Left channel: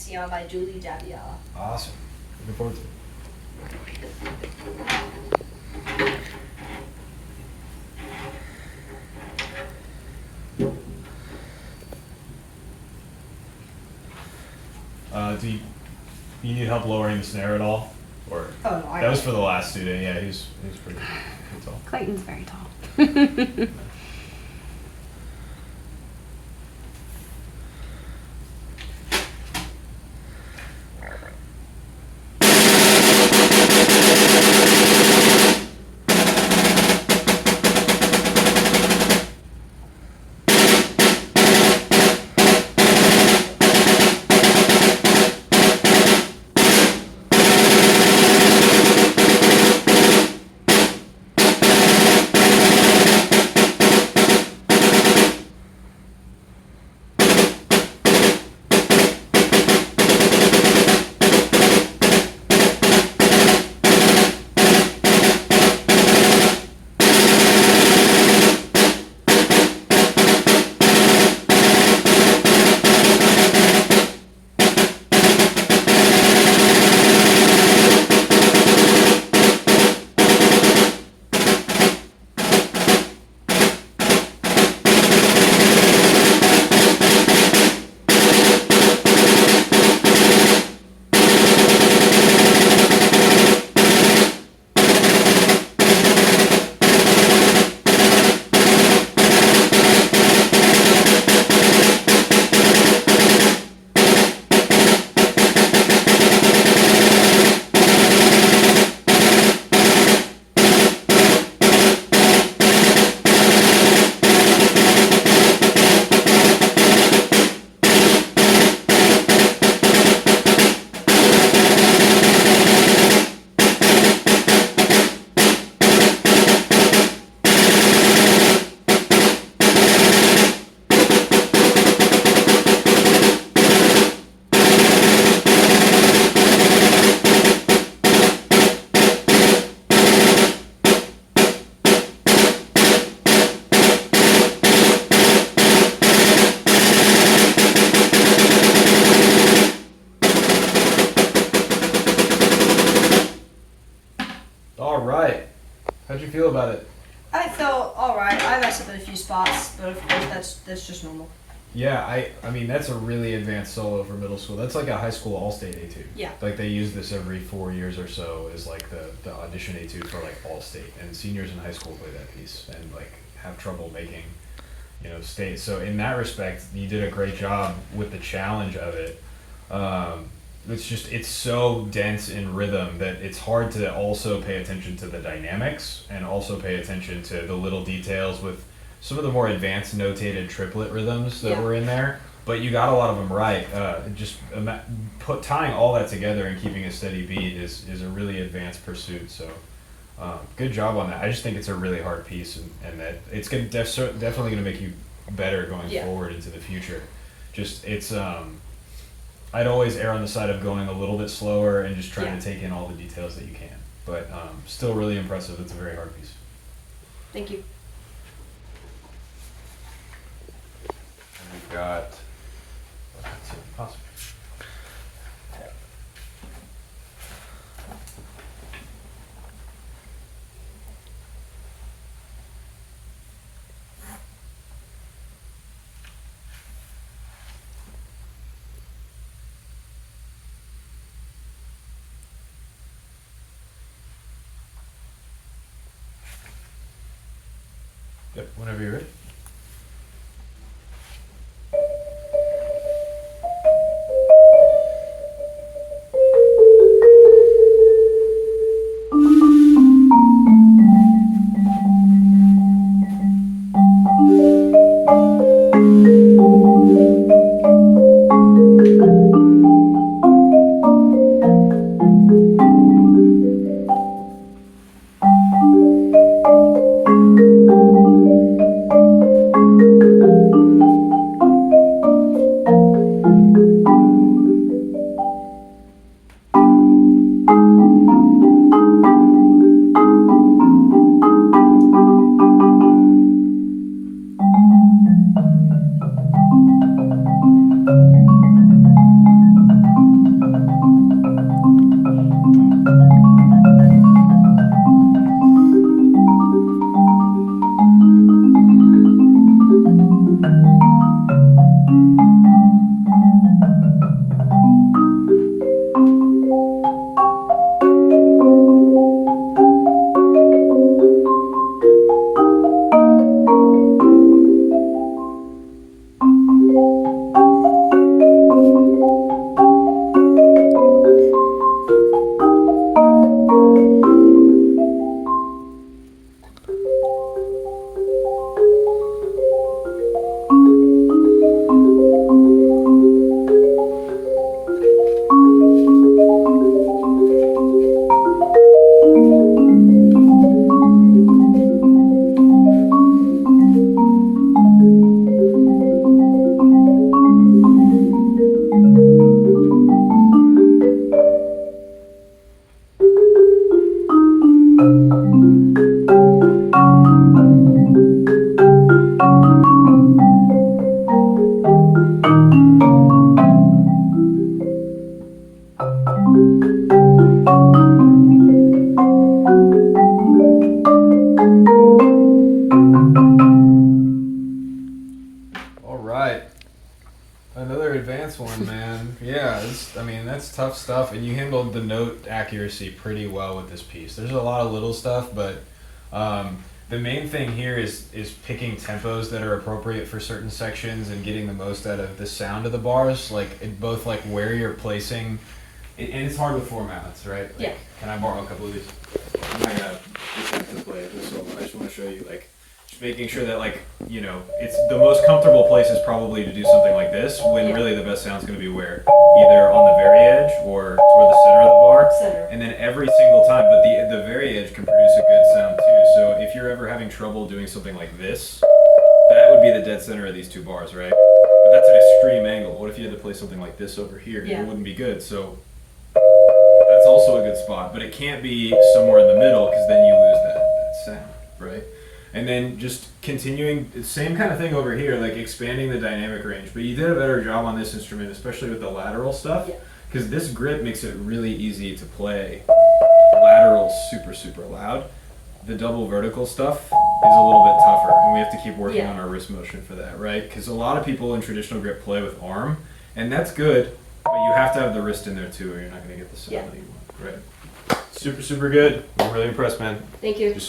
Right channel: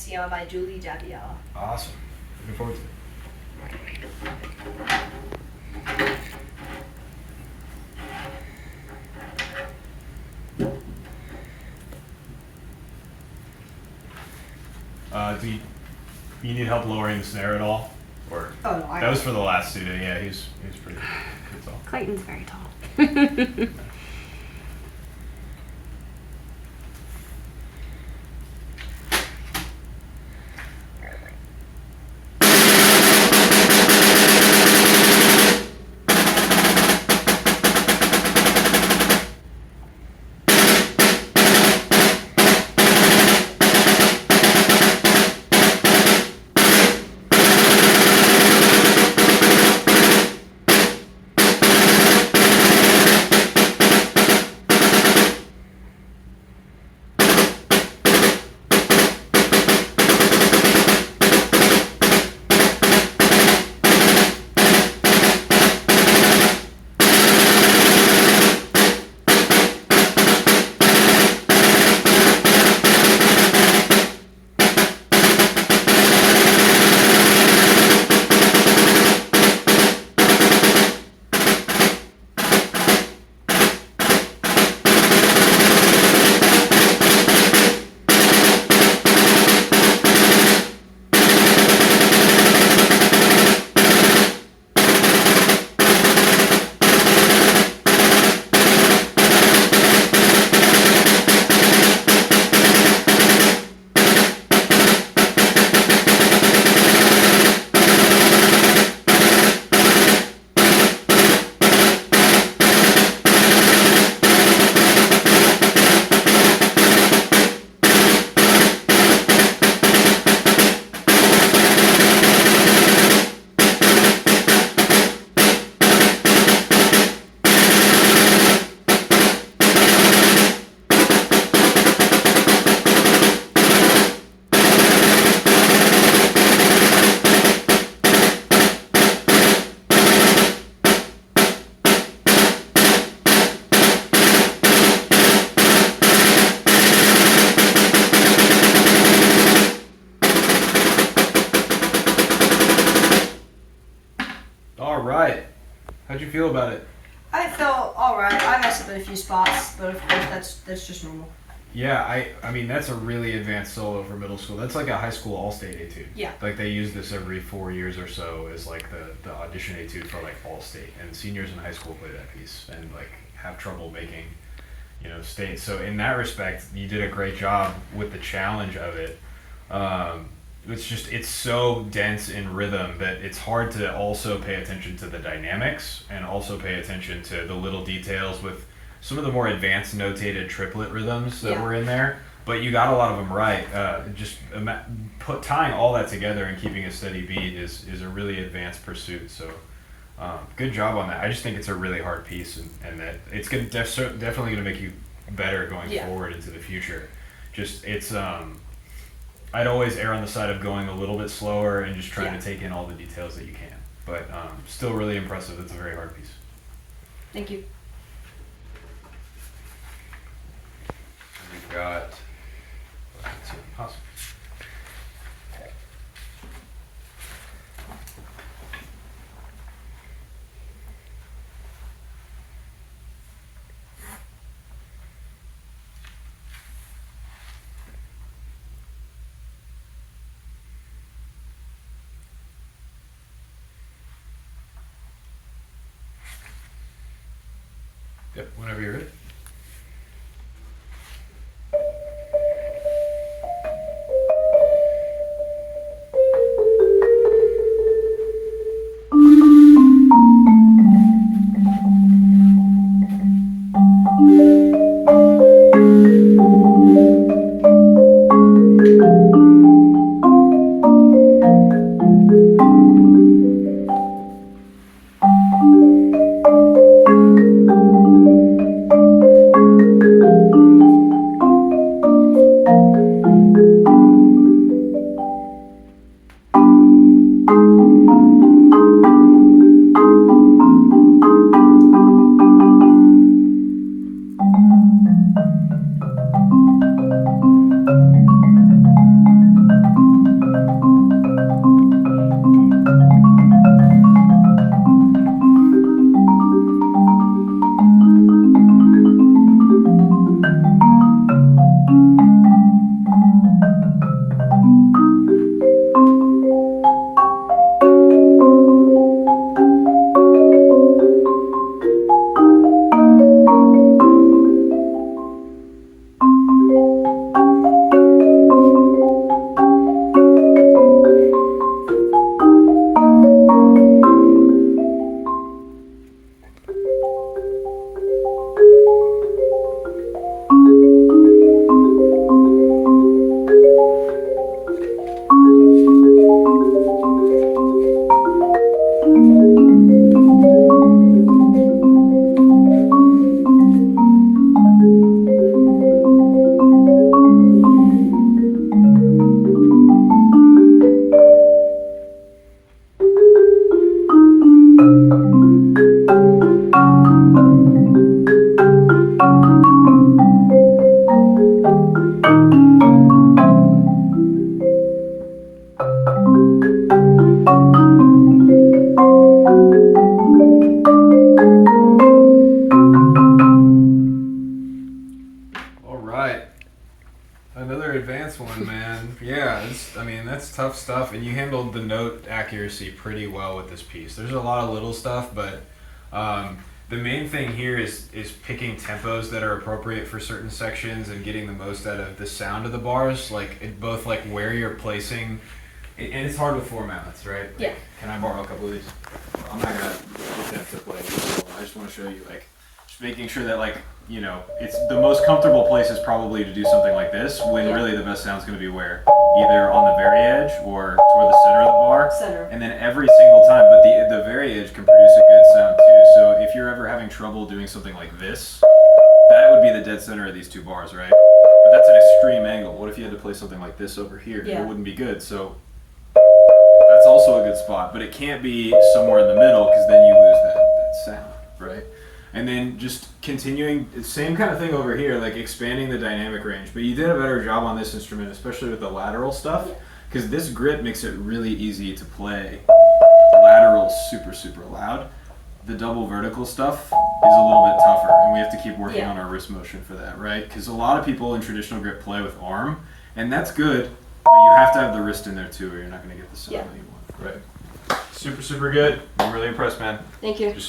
Ancion by Julie Jabiella. Awesome. Looking forward to it. Do you need help lowering the snare at all? Or Oh, no, I that was got for the last student. Yeah, he was pretty tall. Clayton's very tall. All right. How'd you feel about it? I felt alright. I messed up in a few spots, but of course that's just normal. Yeah, I mean that's a really advanced solo for middle school. That's like a high school all-state etude. Yeah. Like they use this every 4 years or so as like the audition etude for like all-state, and seniors in high school play that piece and like have trouble making, state. So in that respect, you did a great job with the challenge of it. It's so dense in rhythm that it's hard to also pay attention to the dynamics and also pay attention to the little details with some of the more advanced notated triplet rhythms that Yeah. were in there. But you got a lot of them right. Tying all that together and keeping a steady beat is a really advanced pursuit. So good job on that. I just think it's a really hard piece, and that it's definitely going to make you better going Yeah. forward into the future. Just it's I'd always err on the side of going a little bit slower and just trying Yeah. to take in all the details that you can. But still really impressive. It's a very hard piece. Thank you. We've got awesome. Yep, whenever you're ready. Yeah, I mean, that's tough stuff, and you handled the note accuracy pretty well with this piece. There's a lot of little stuff, but the main thing here is picking tempos that are appropriate for certain sections and getting the most out of the sound of the bars, like in both like where you're placing. And it's hard with four mallets, right? Yeah. Like, can I borrow a couple of these? I'm not gonna attempt to play this one. I just want to show you, like, just making sure that, like, you know, it's the most comfortable place is probably to do something like this, when Yeah. really the best sound's going to be where? Either on the very edge or toward the center of the bar. Center. And then every single time, but the very edge can produce a good sound too. So if you're ever having trouble doing something like this, that would be the dead center of these two bars, right? But that's an extreme angle. What if you had to play something like this over here? Yeah. It wouldn't be good. So that's also a good spot, but it can't be somewhere in the middle because then you lose that sound, right? And then just continuing, same kind of thing over here, like expanding the dynamic range. But you did a better job on this instrument, especially with the lateral stuff, Yeah. because this grip makes it really easy to play lateral super, super loud. The double vertical stuff is a little bit tougher, and we have to keep working Yeah. on our wrist motion for that, right? Because a lot of people in traditional grip play with arm, and that's good, but you have to have the wrist in there too, or you're not going to get the sound Yeah. that you want, right? Super, super good. I'm really impressed, man. Thank you. Just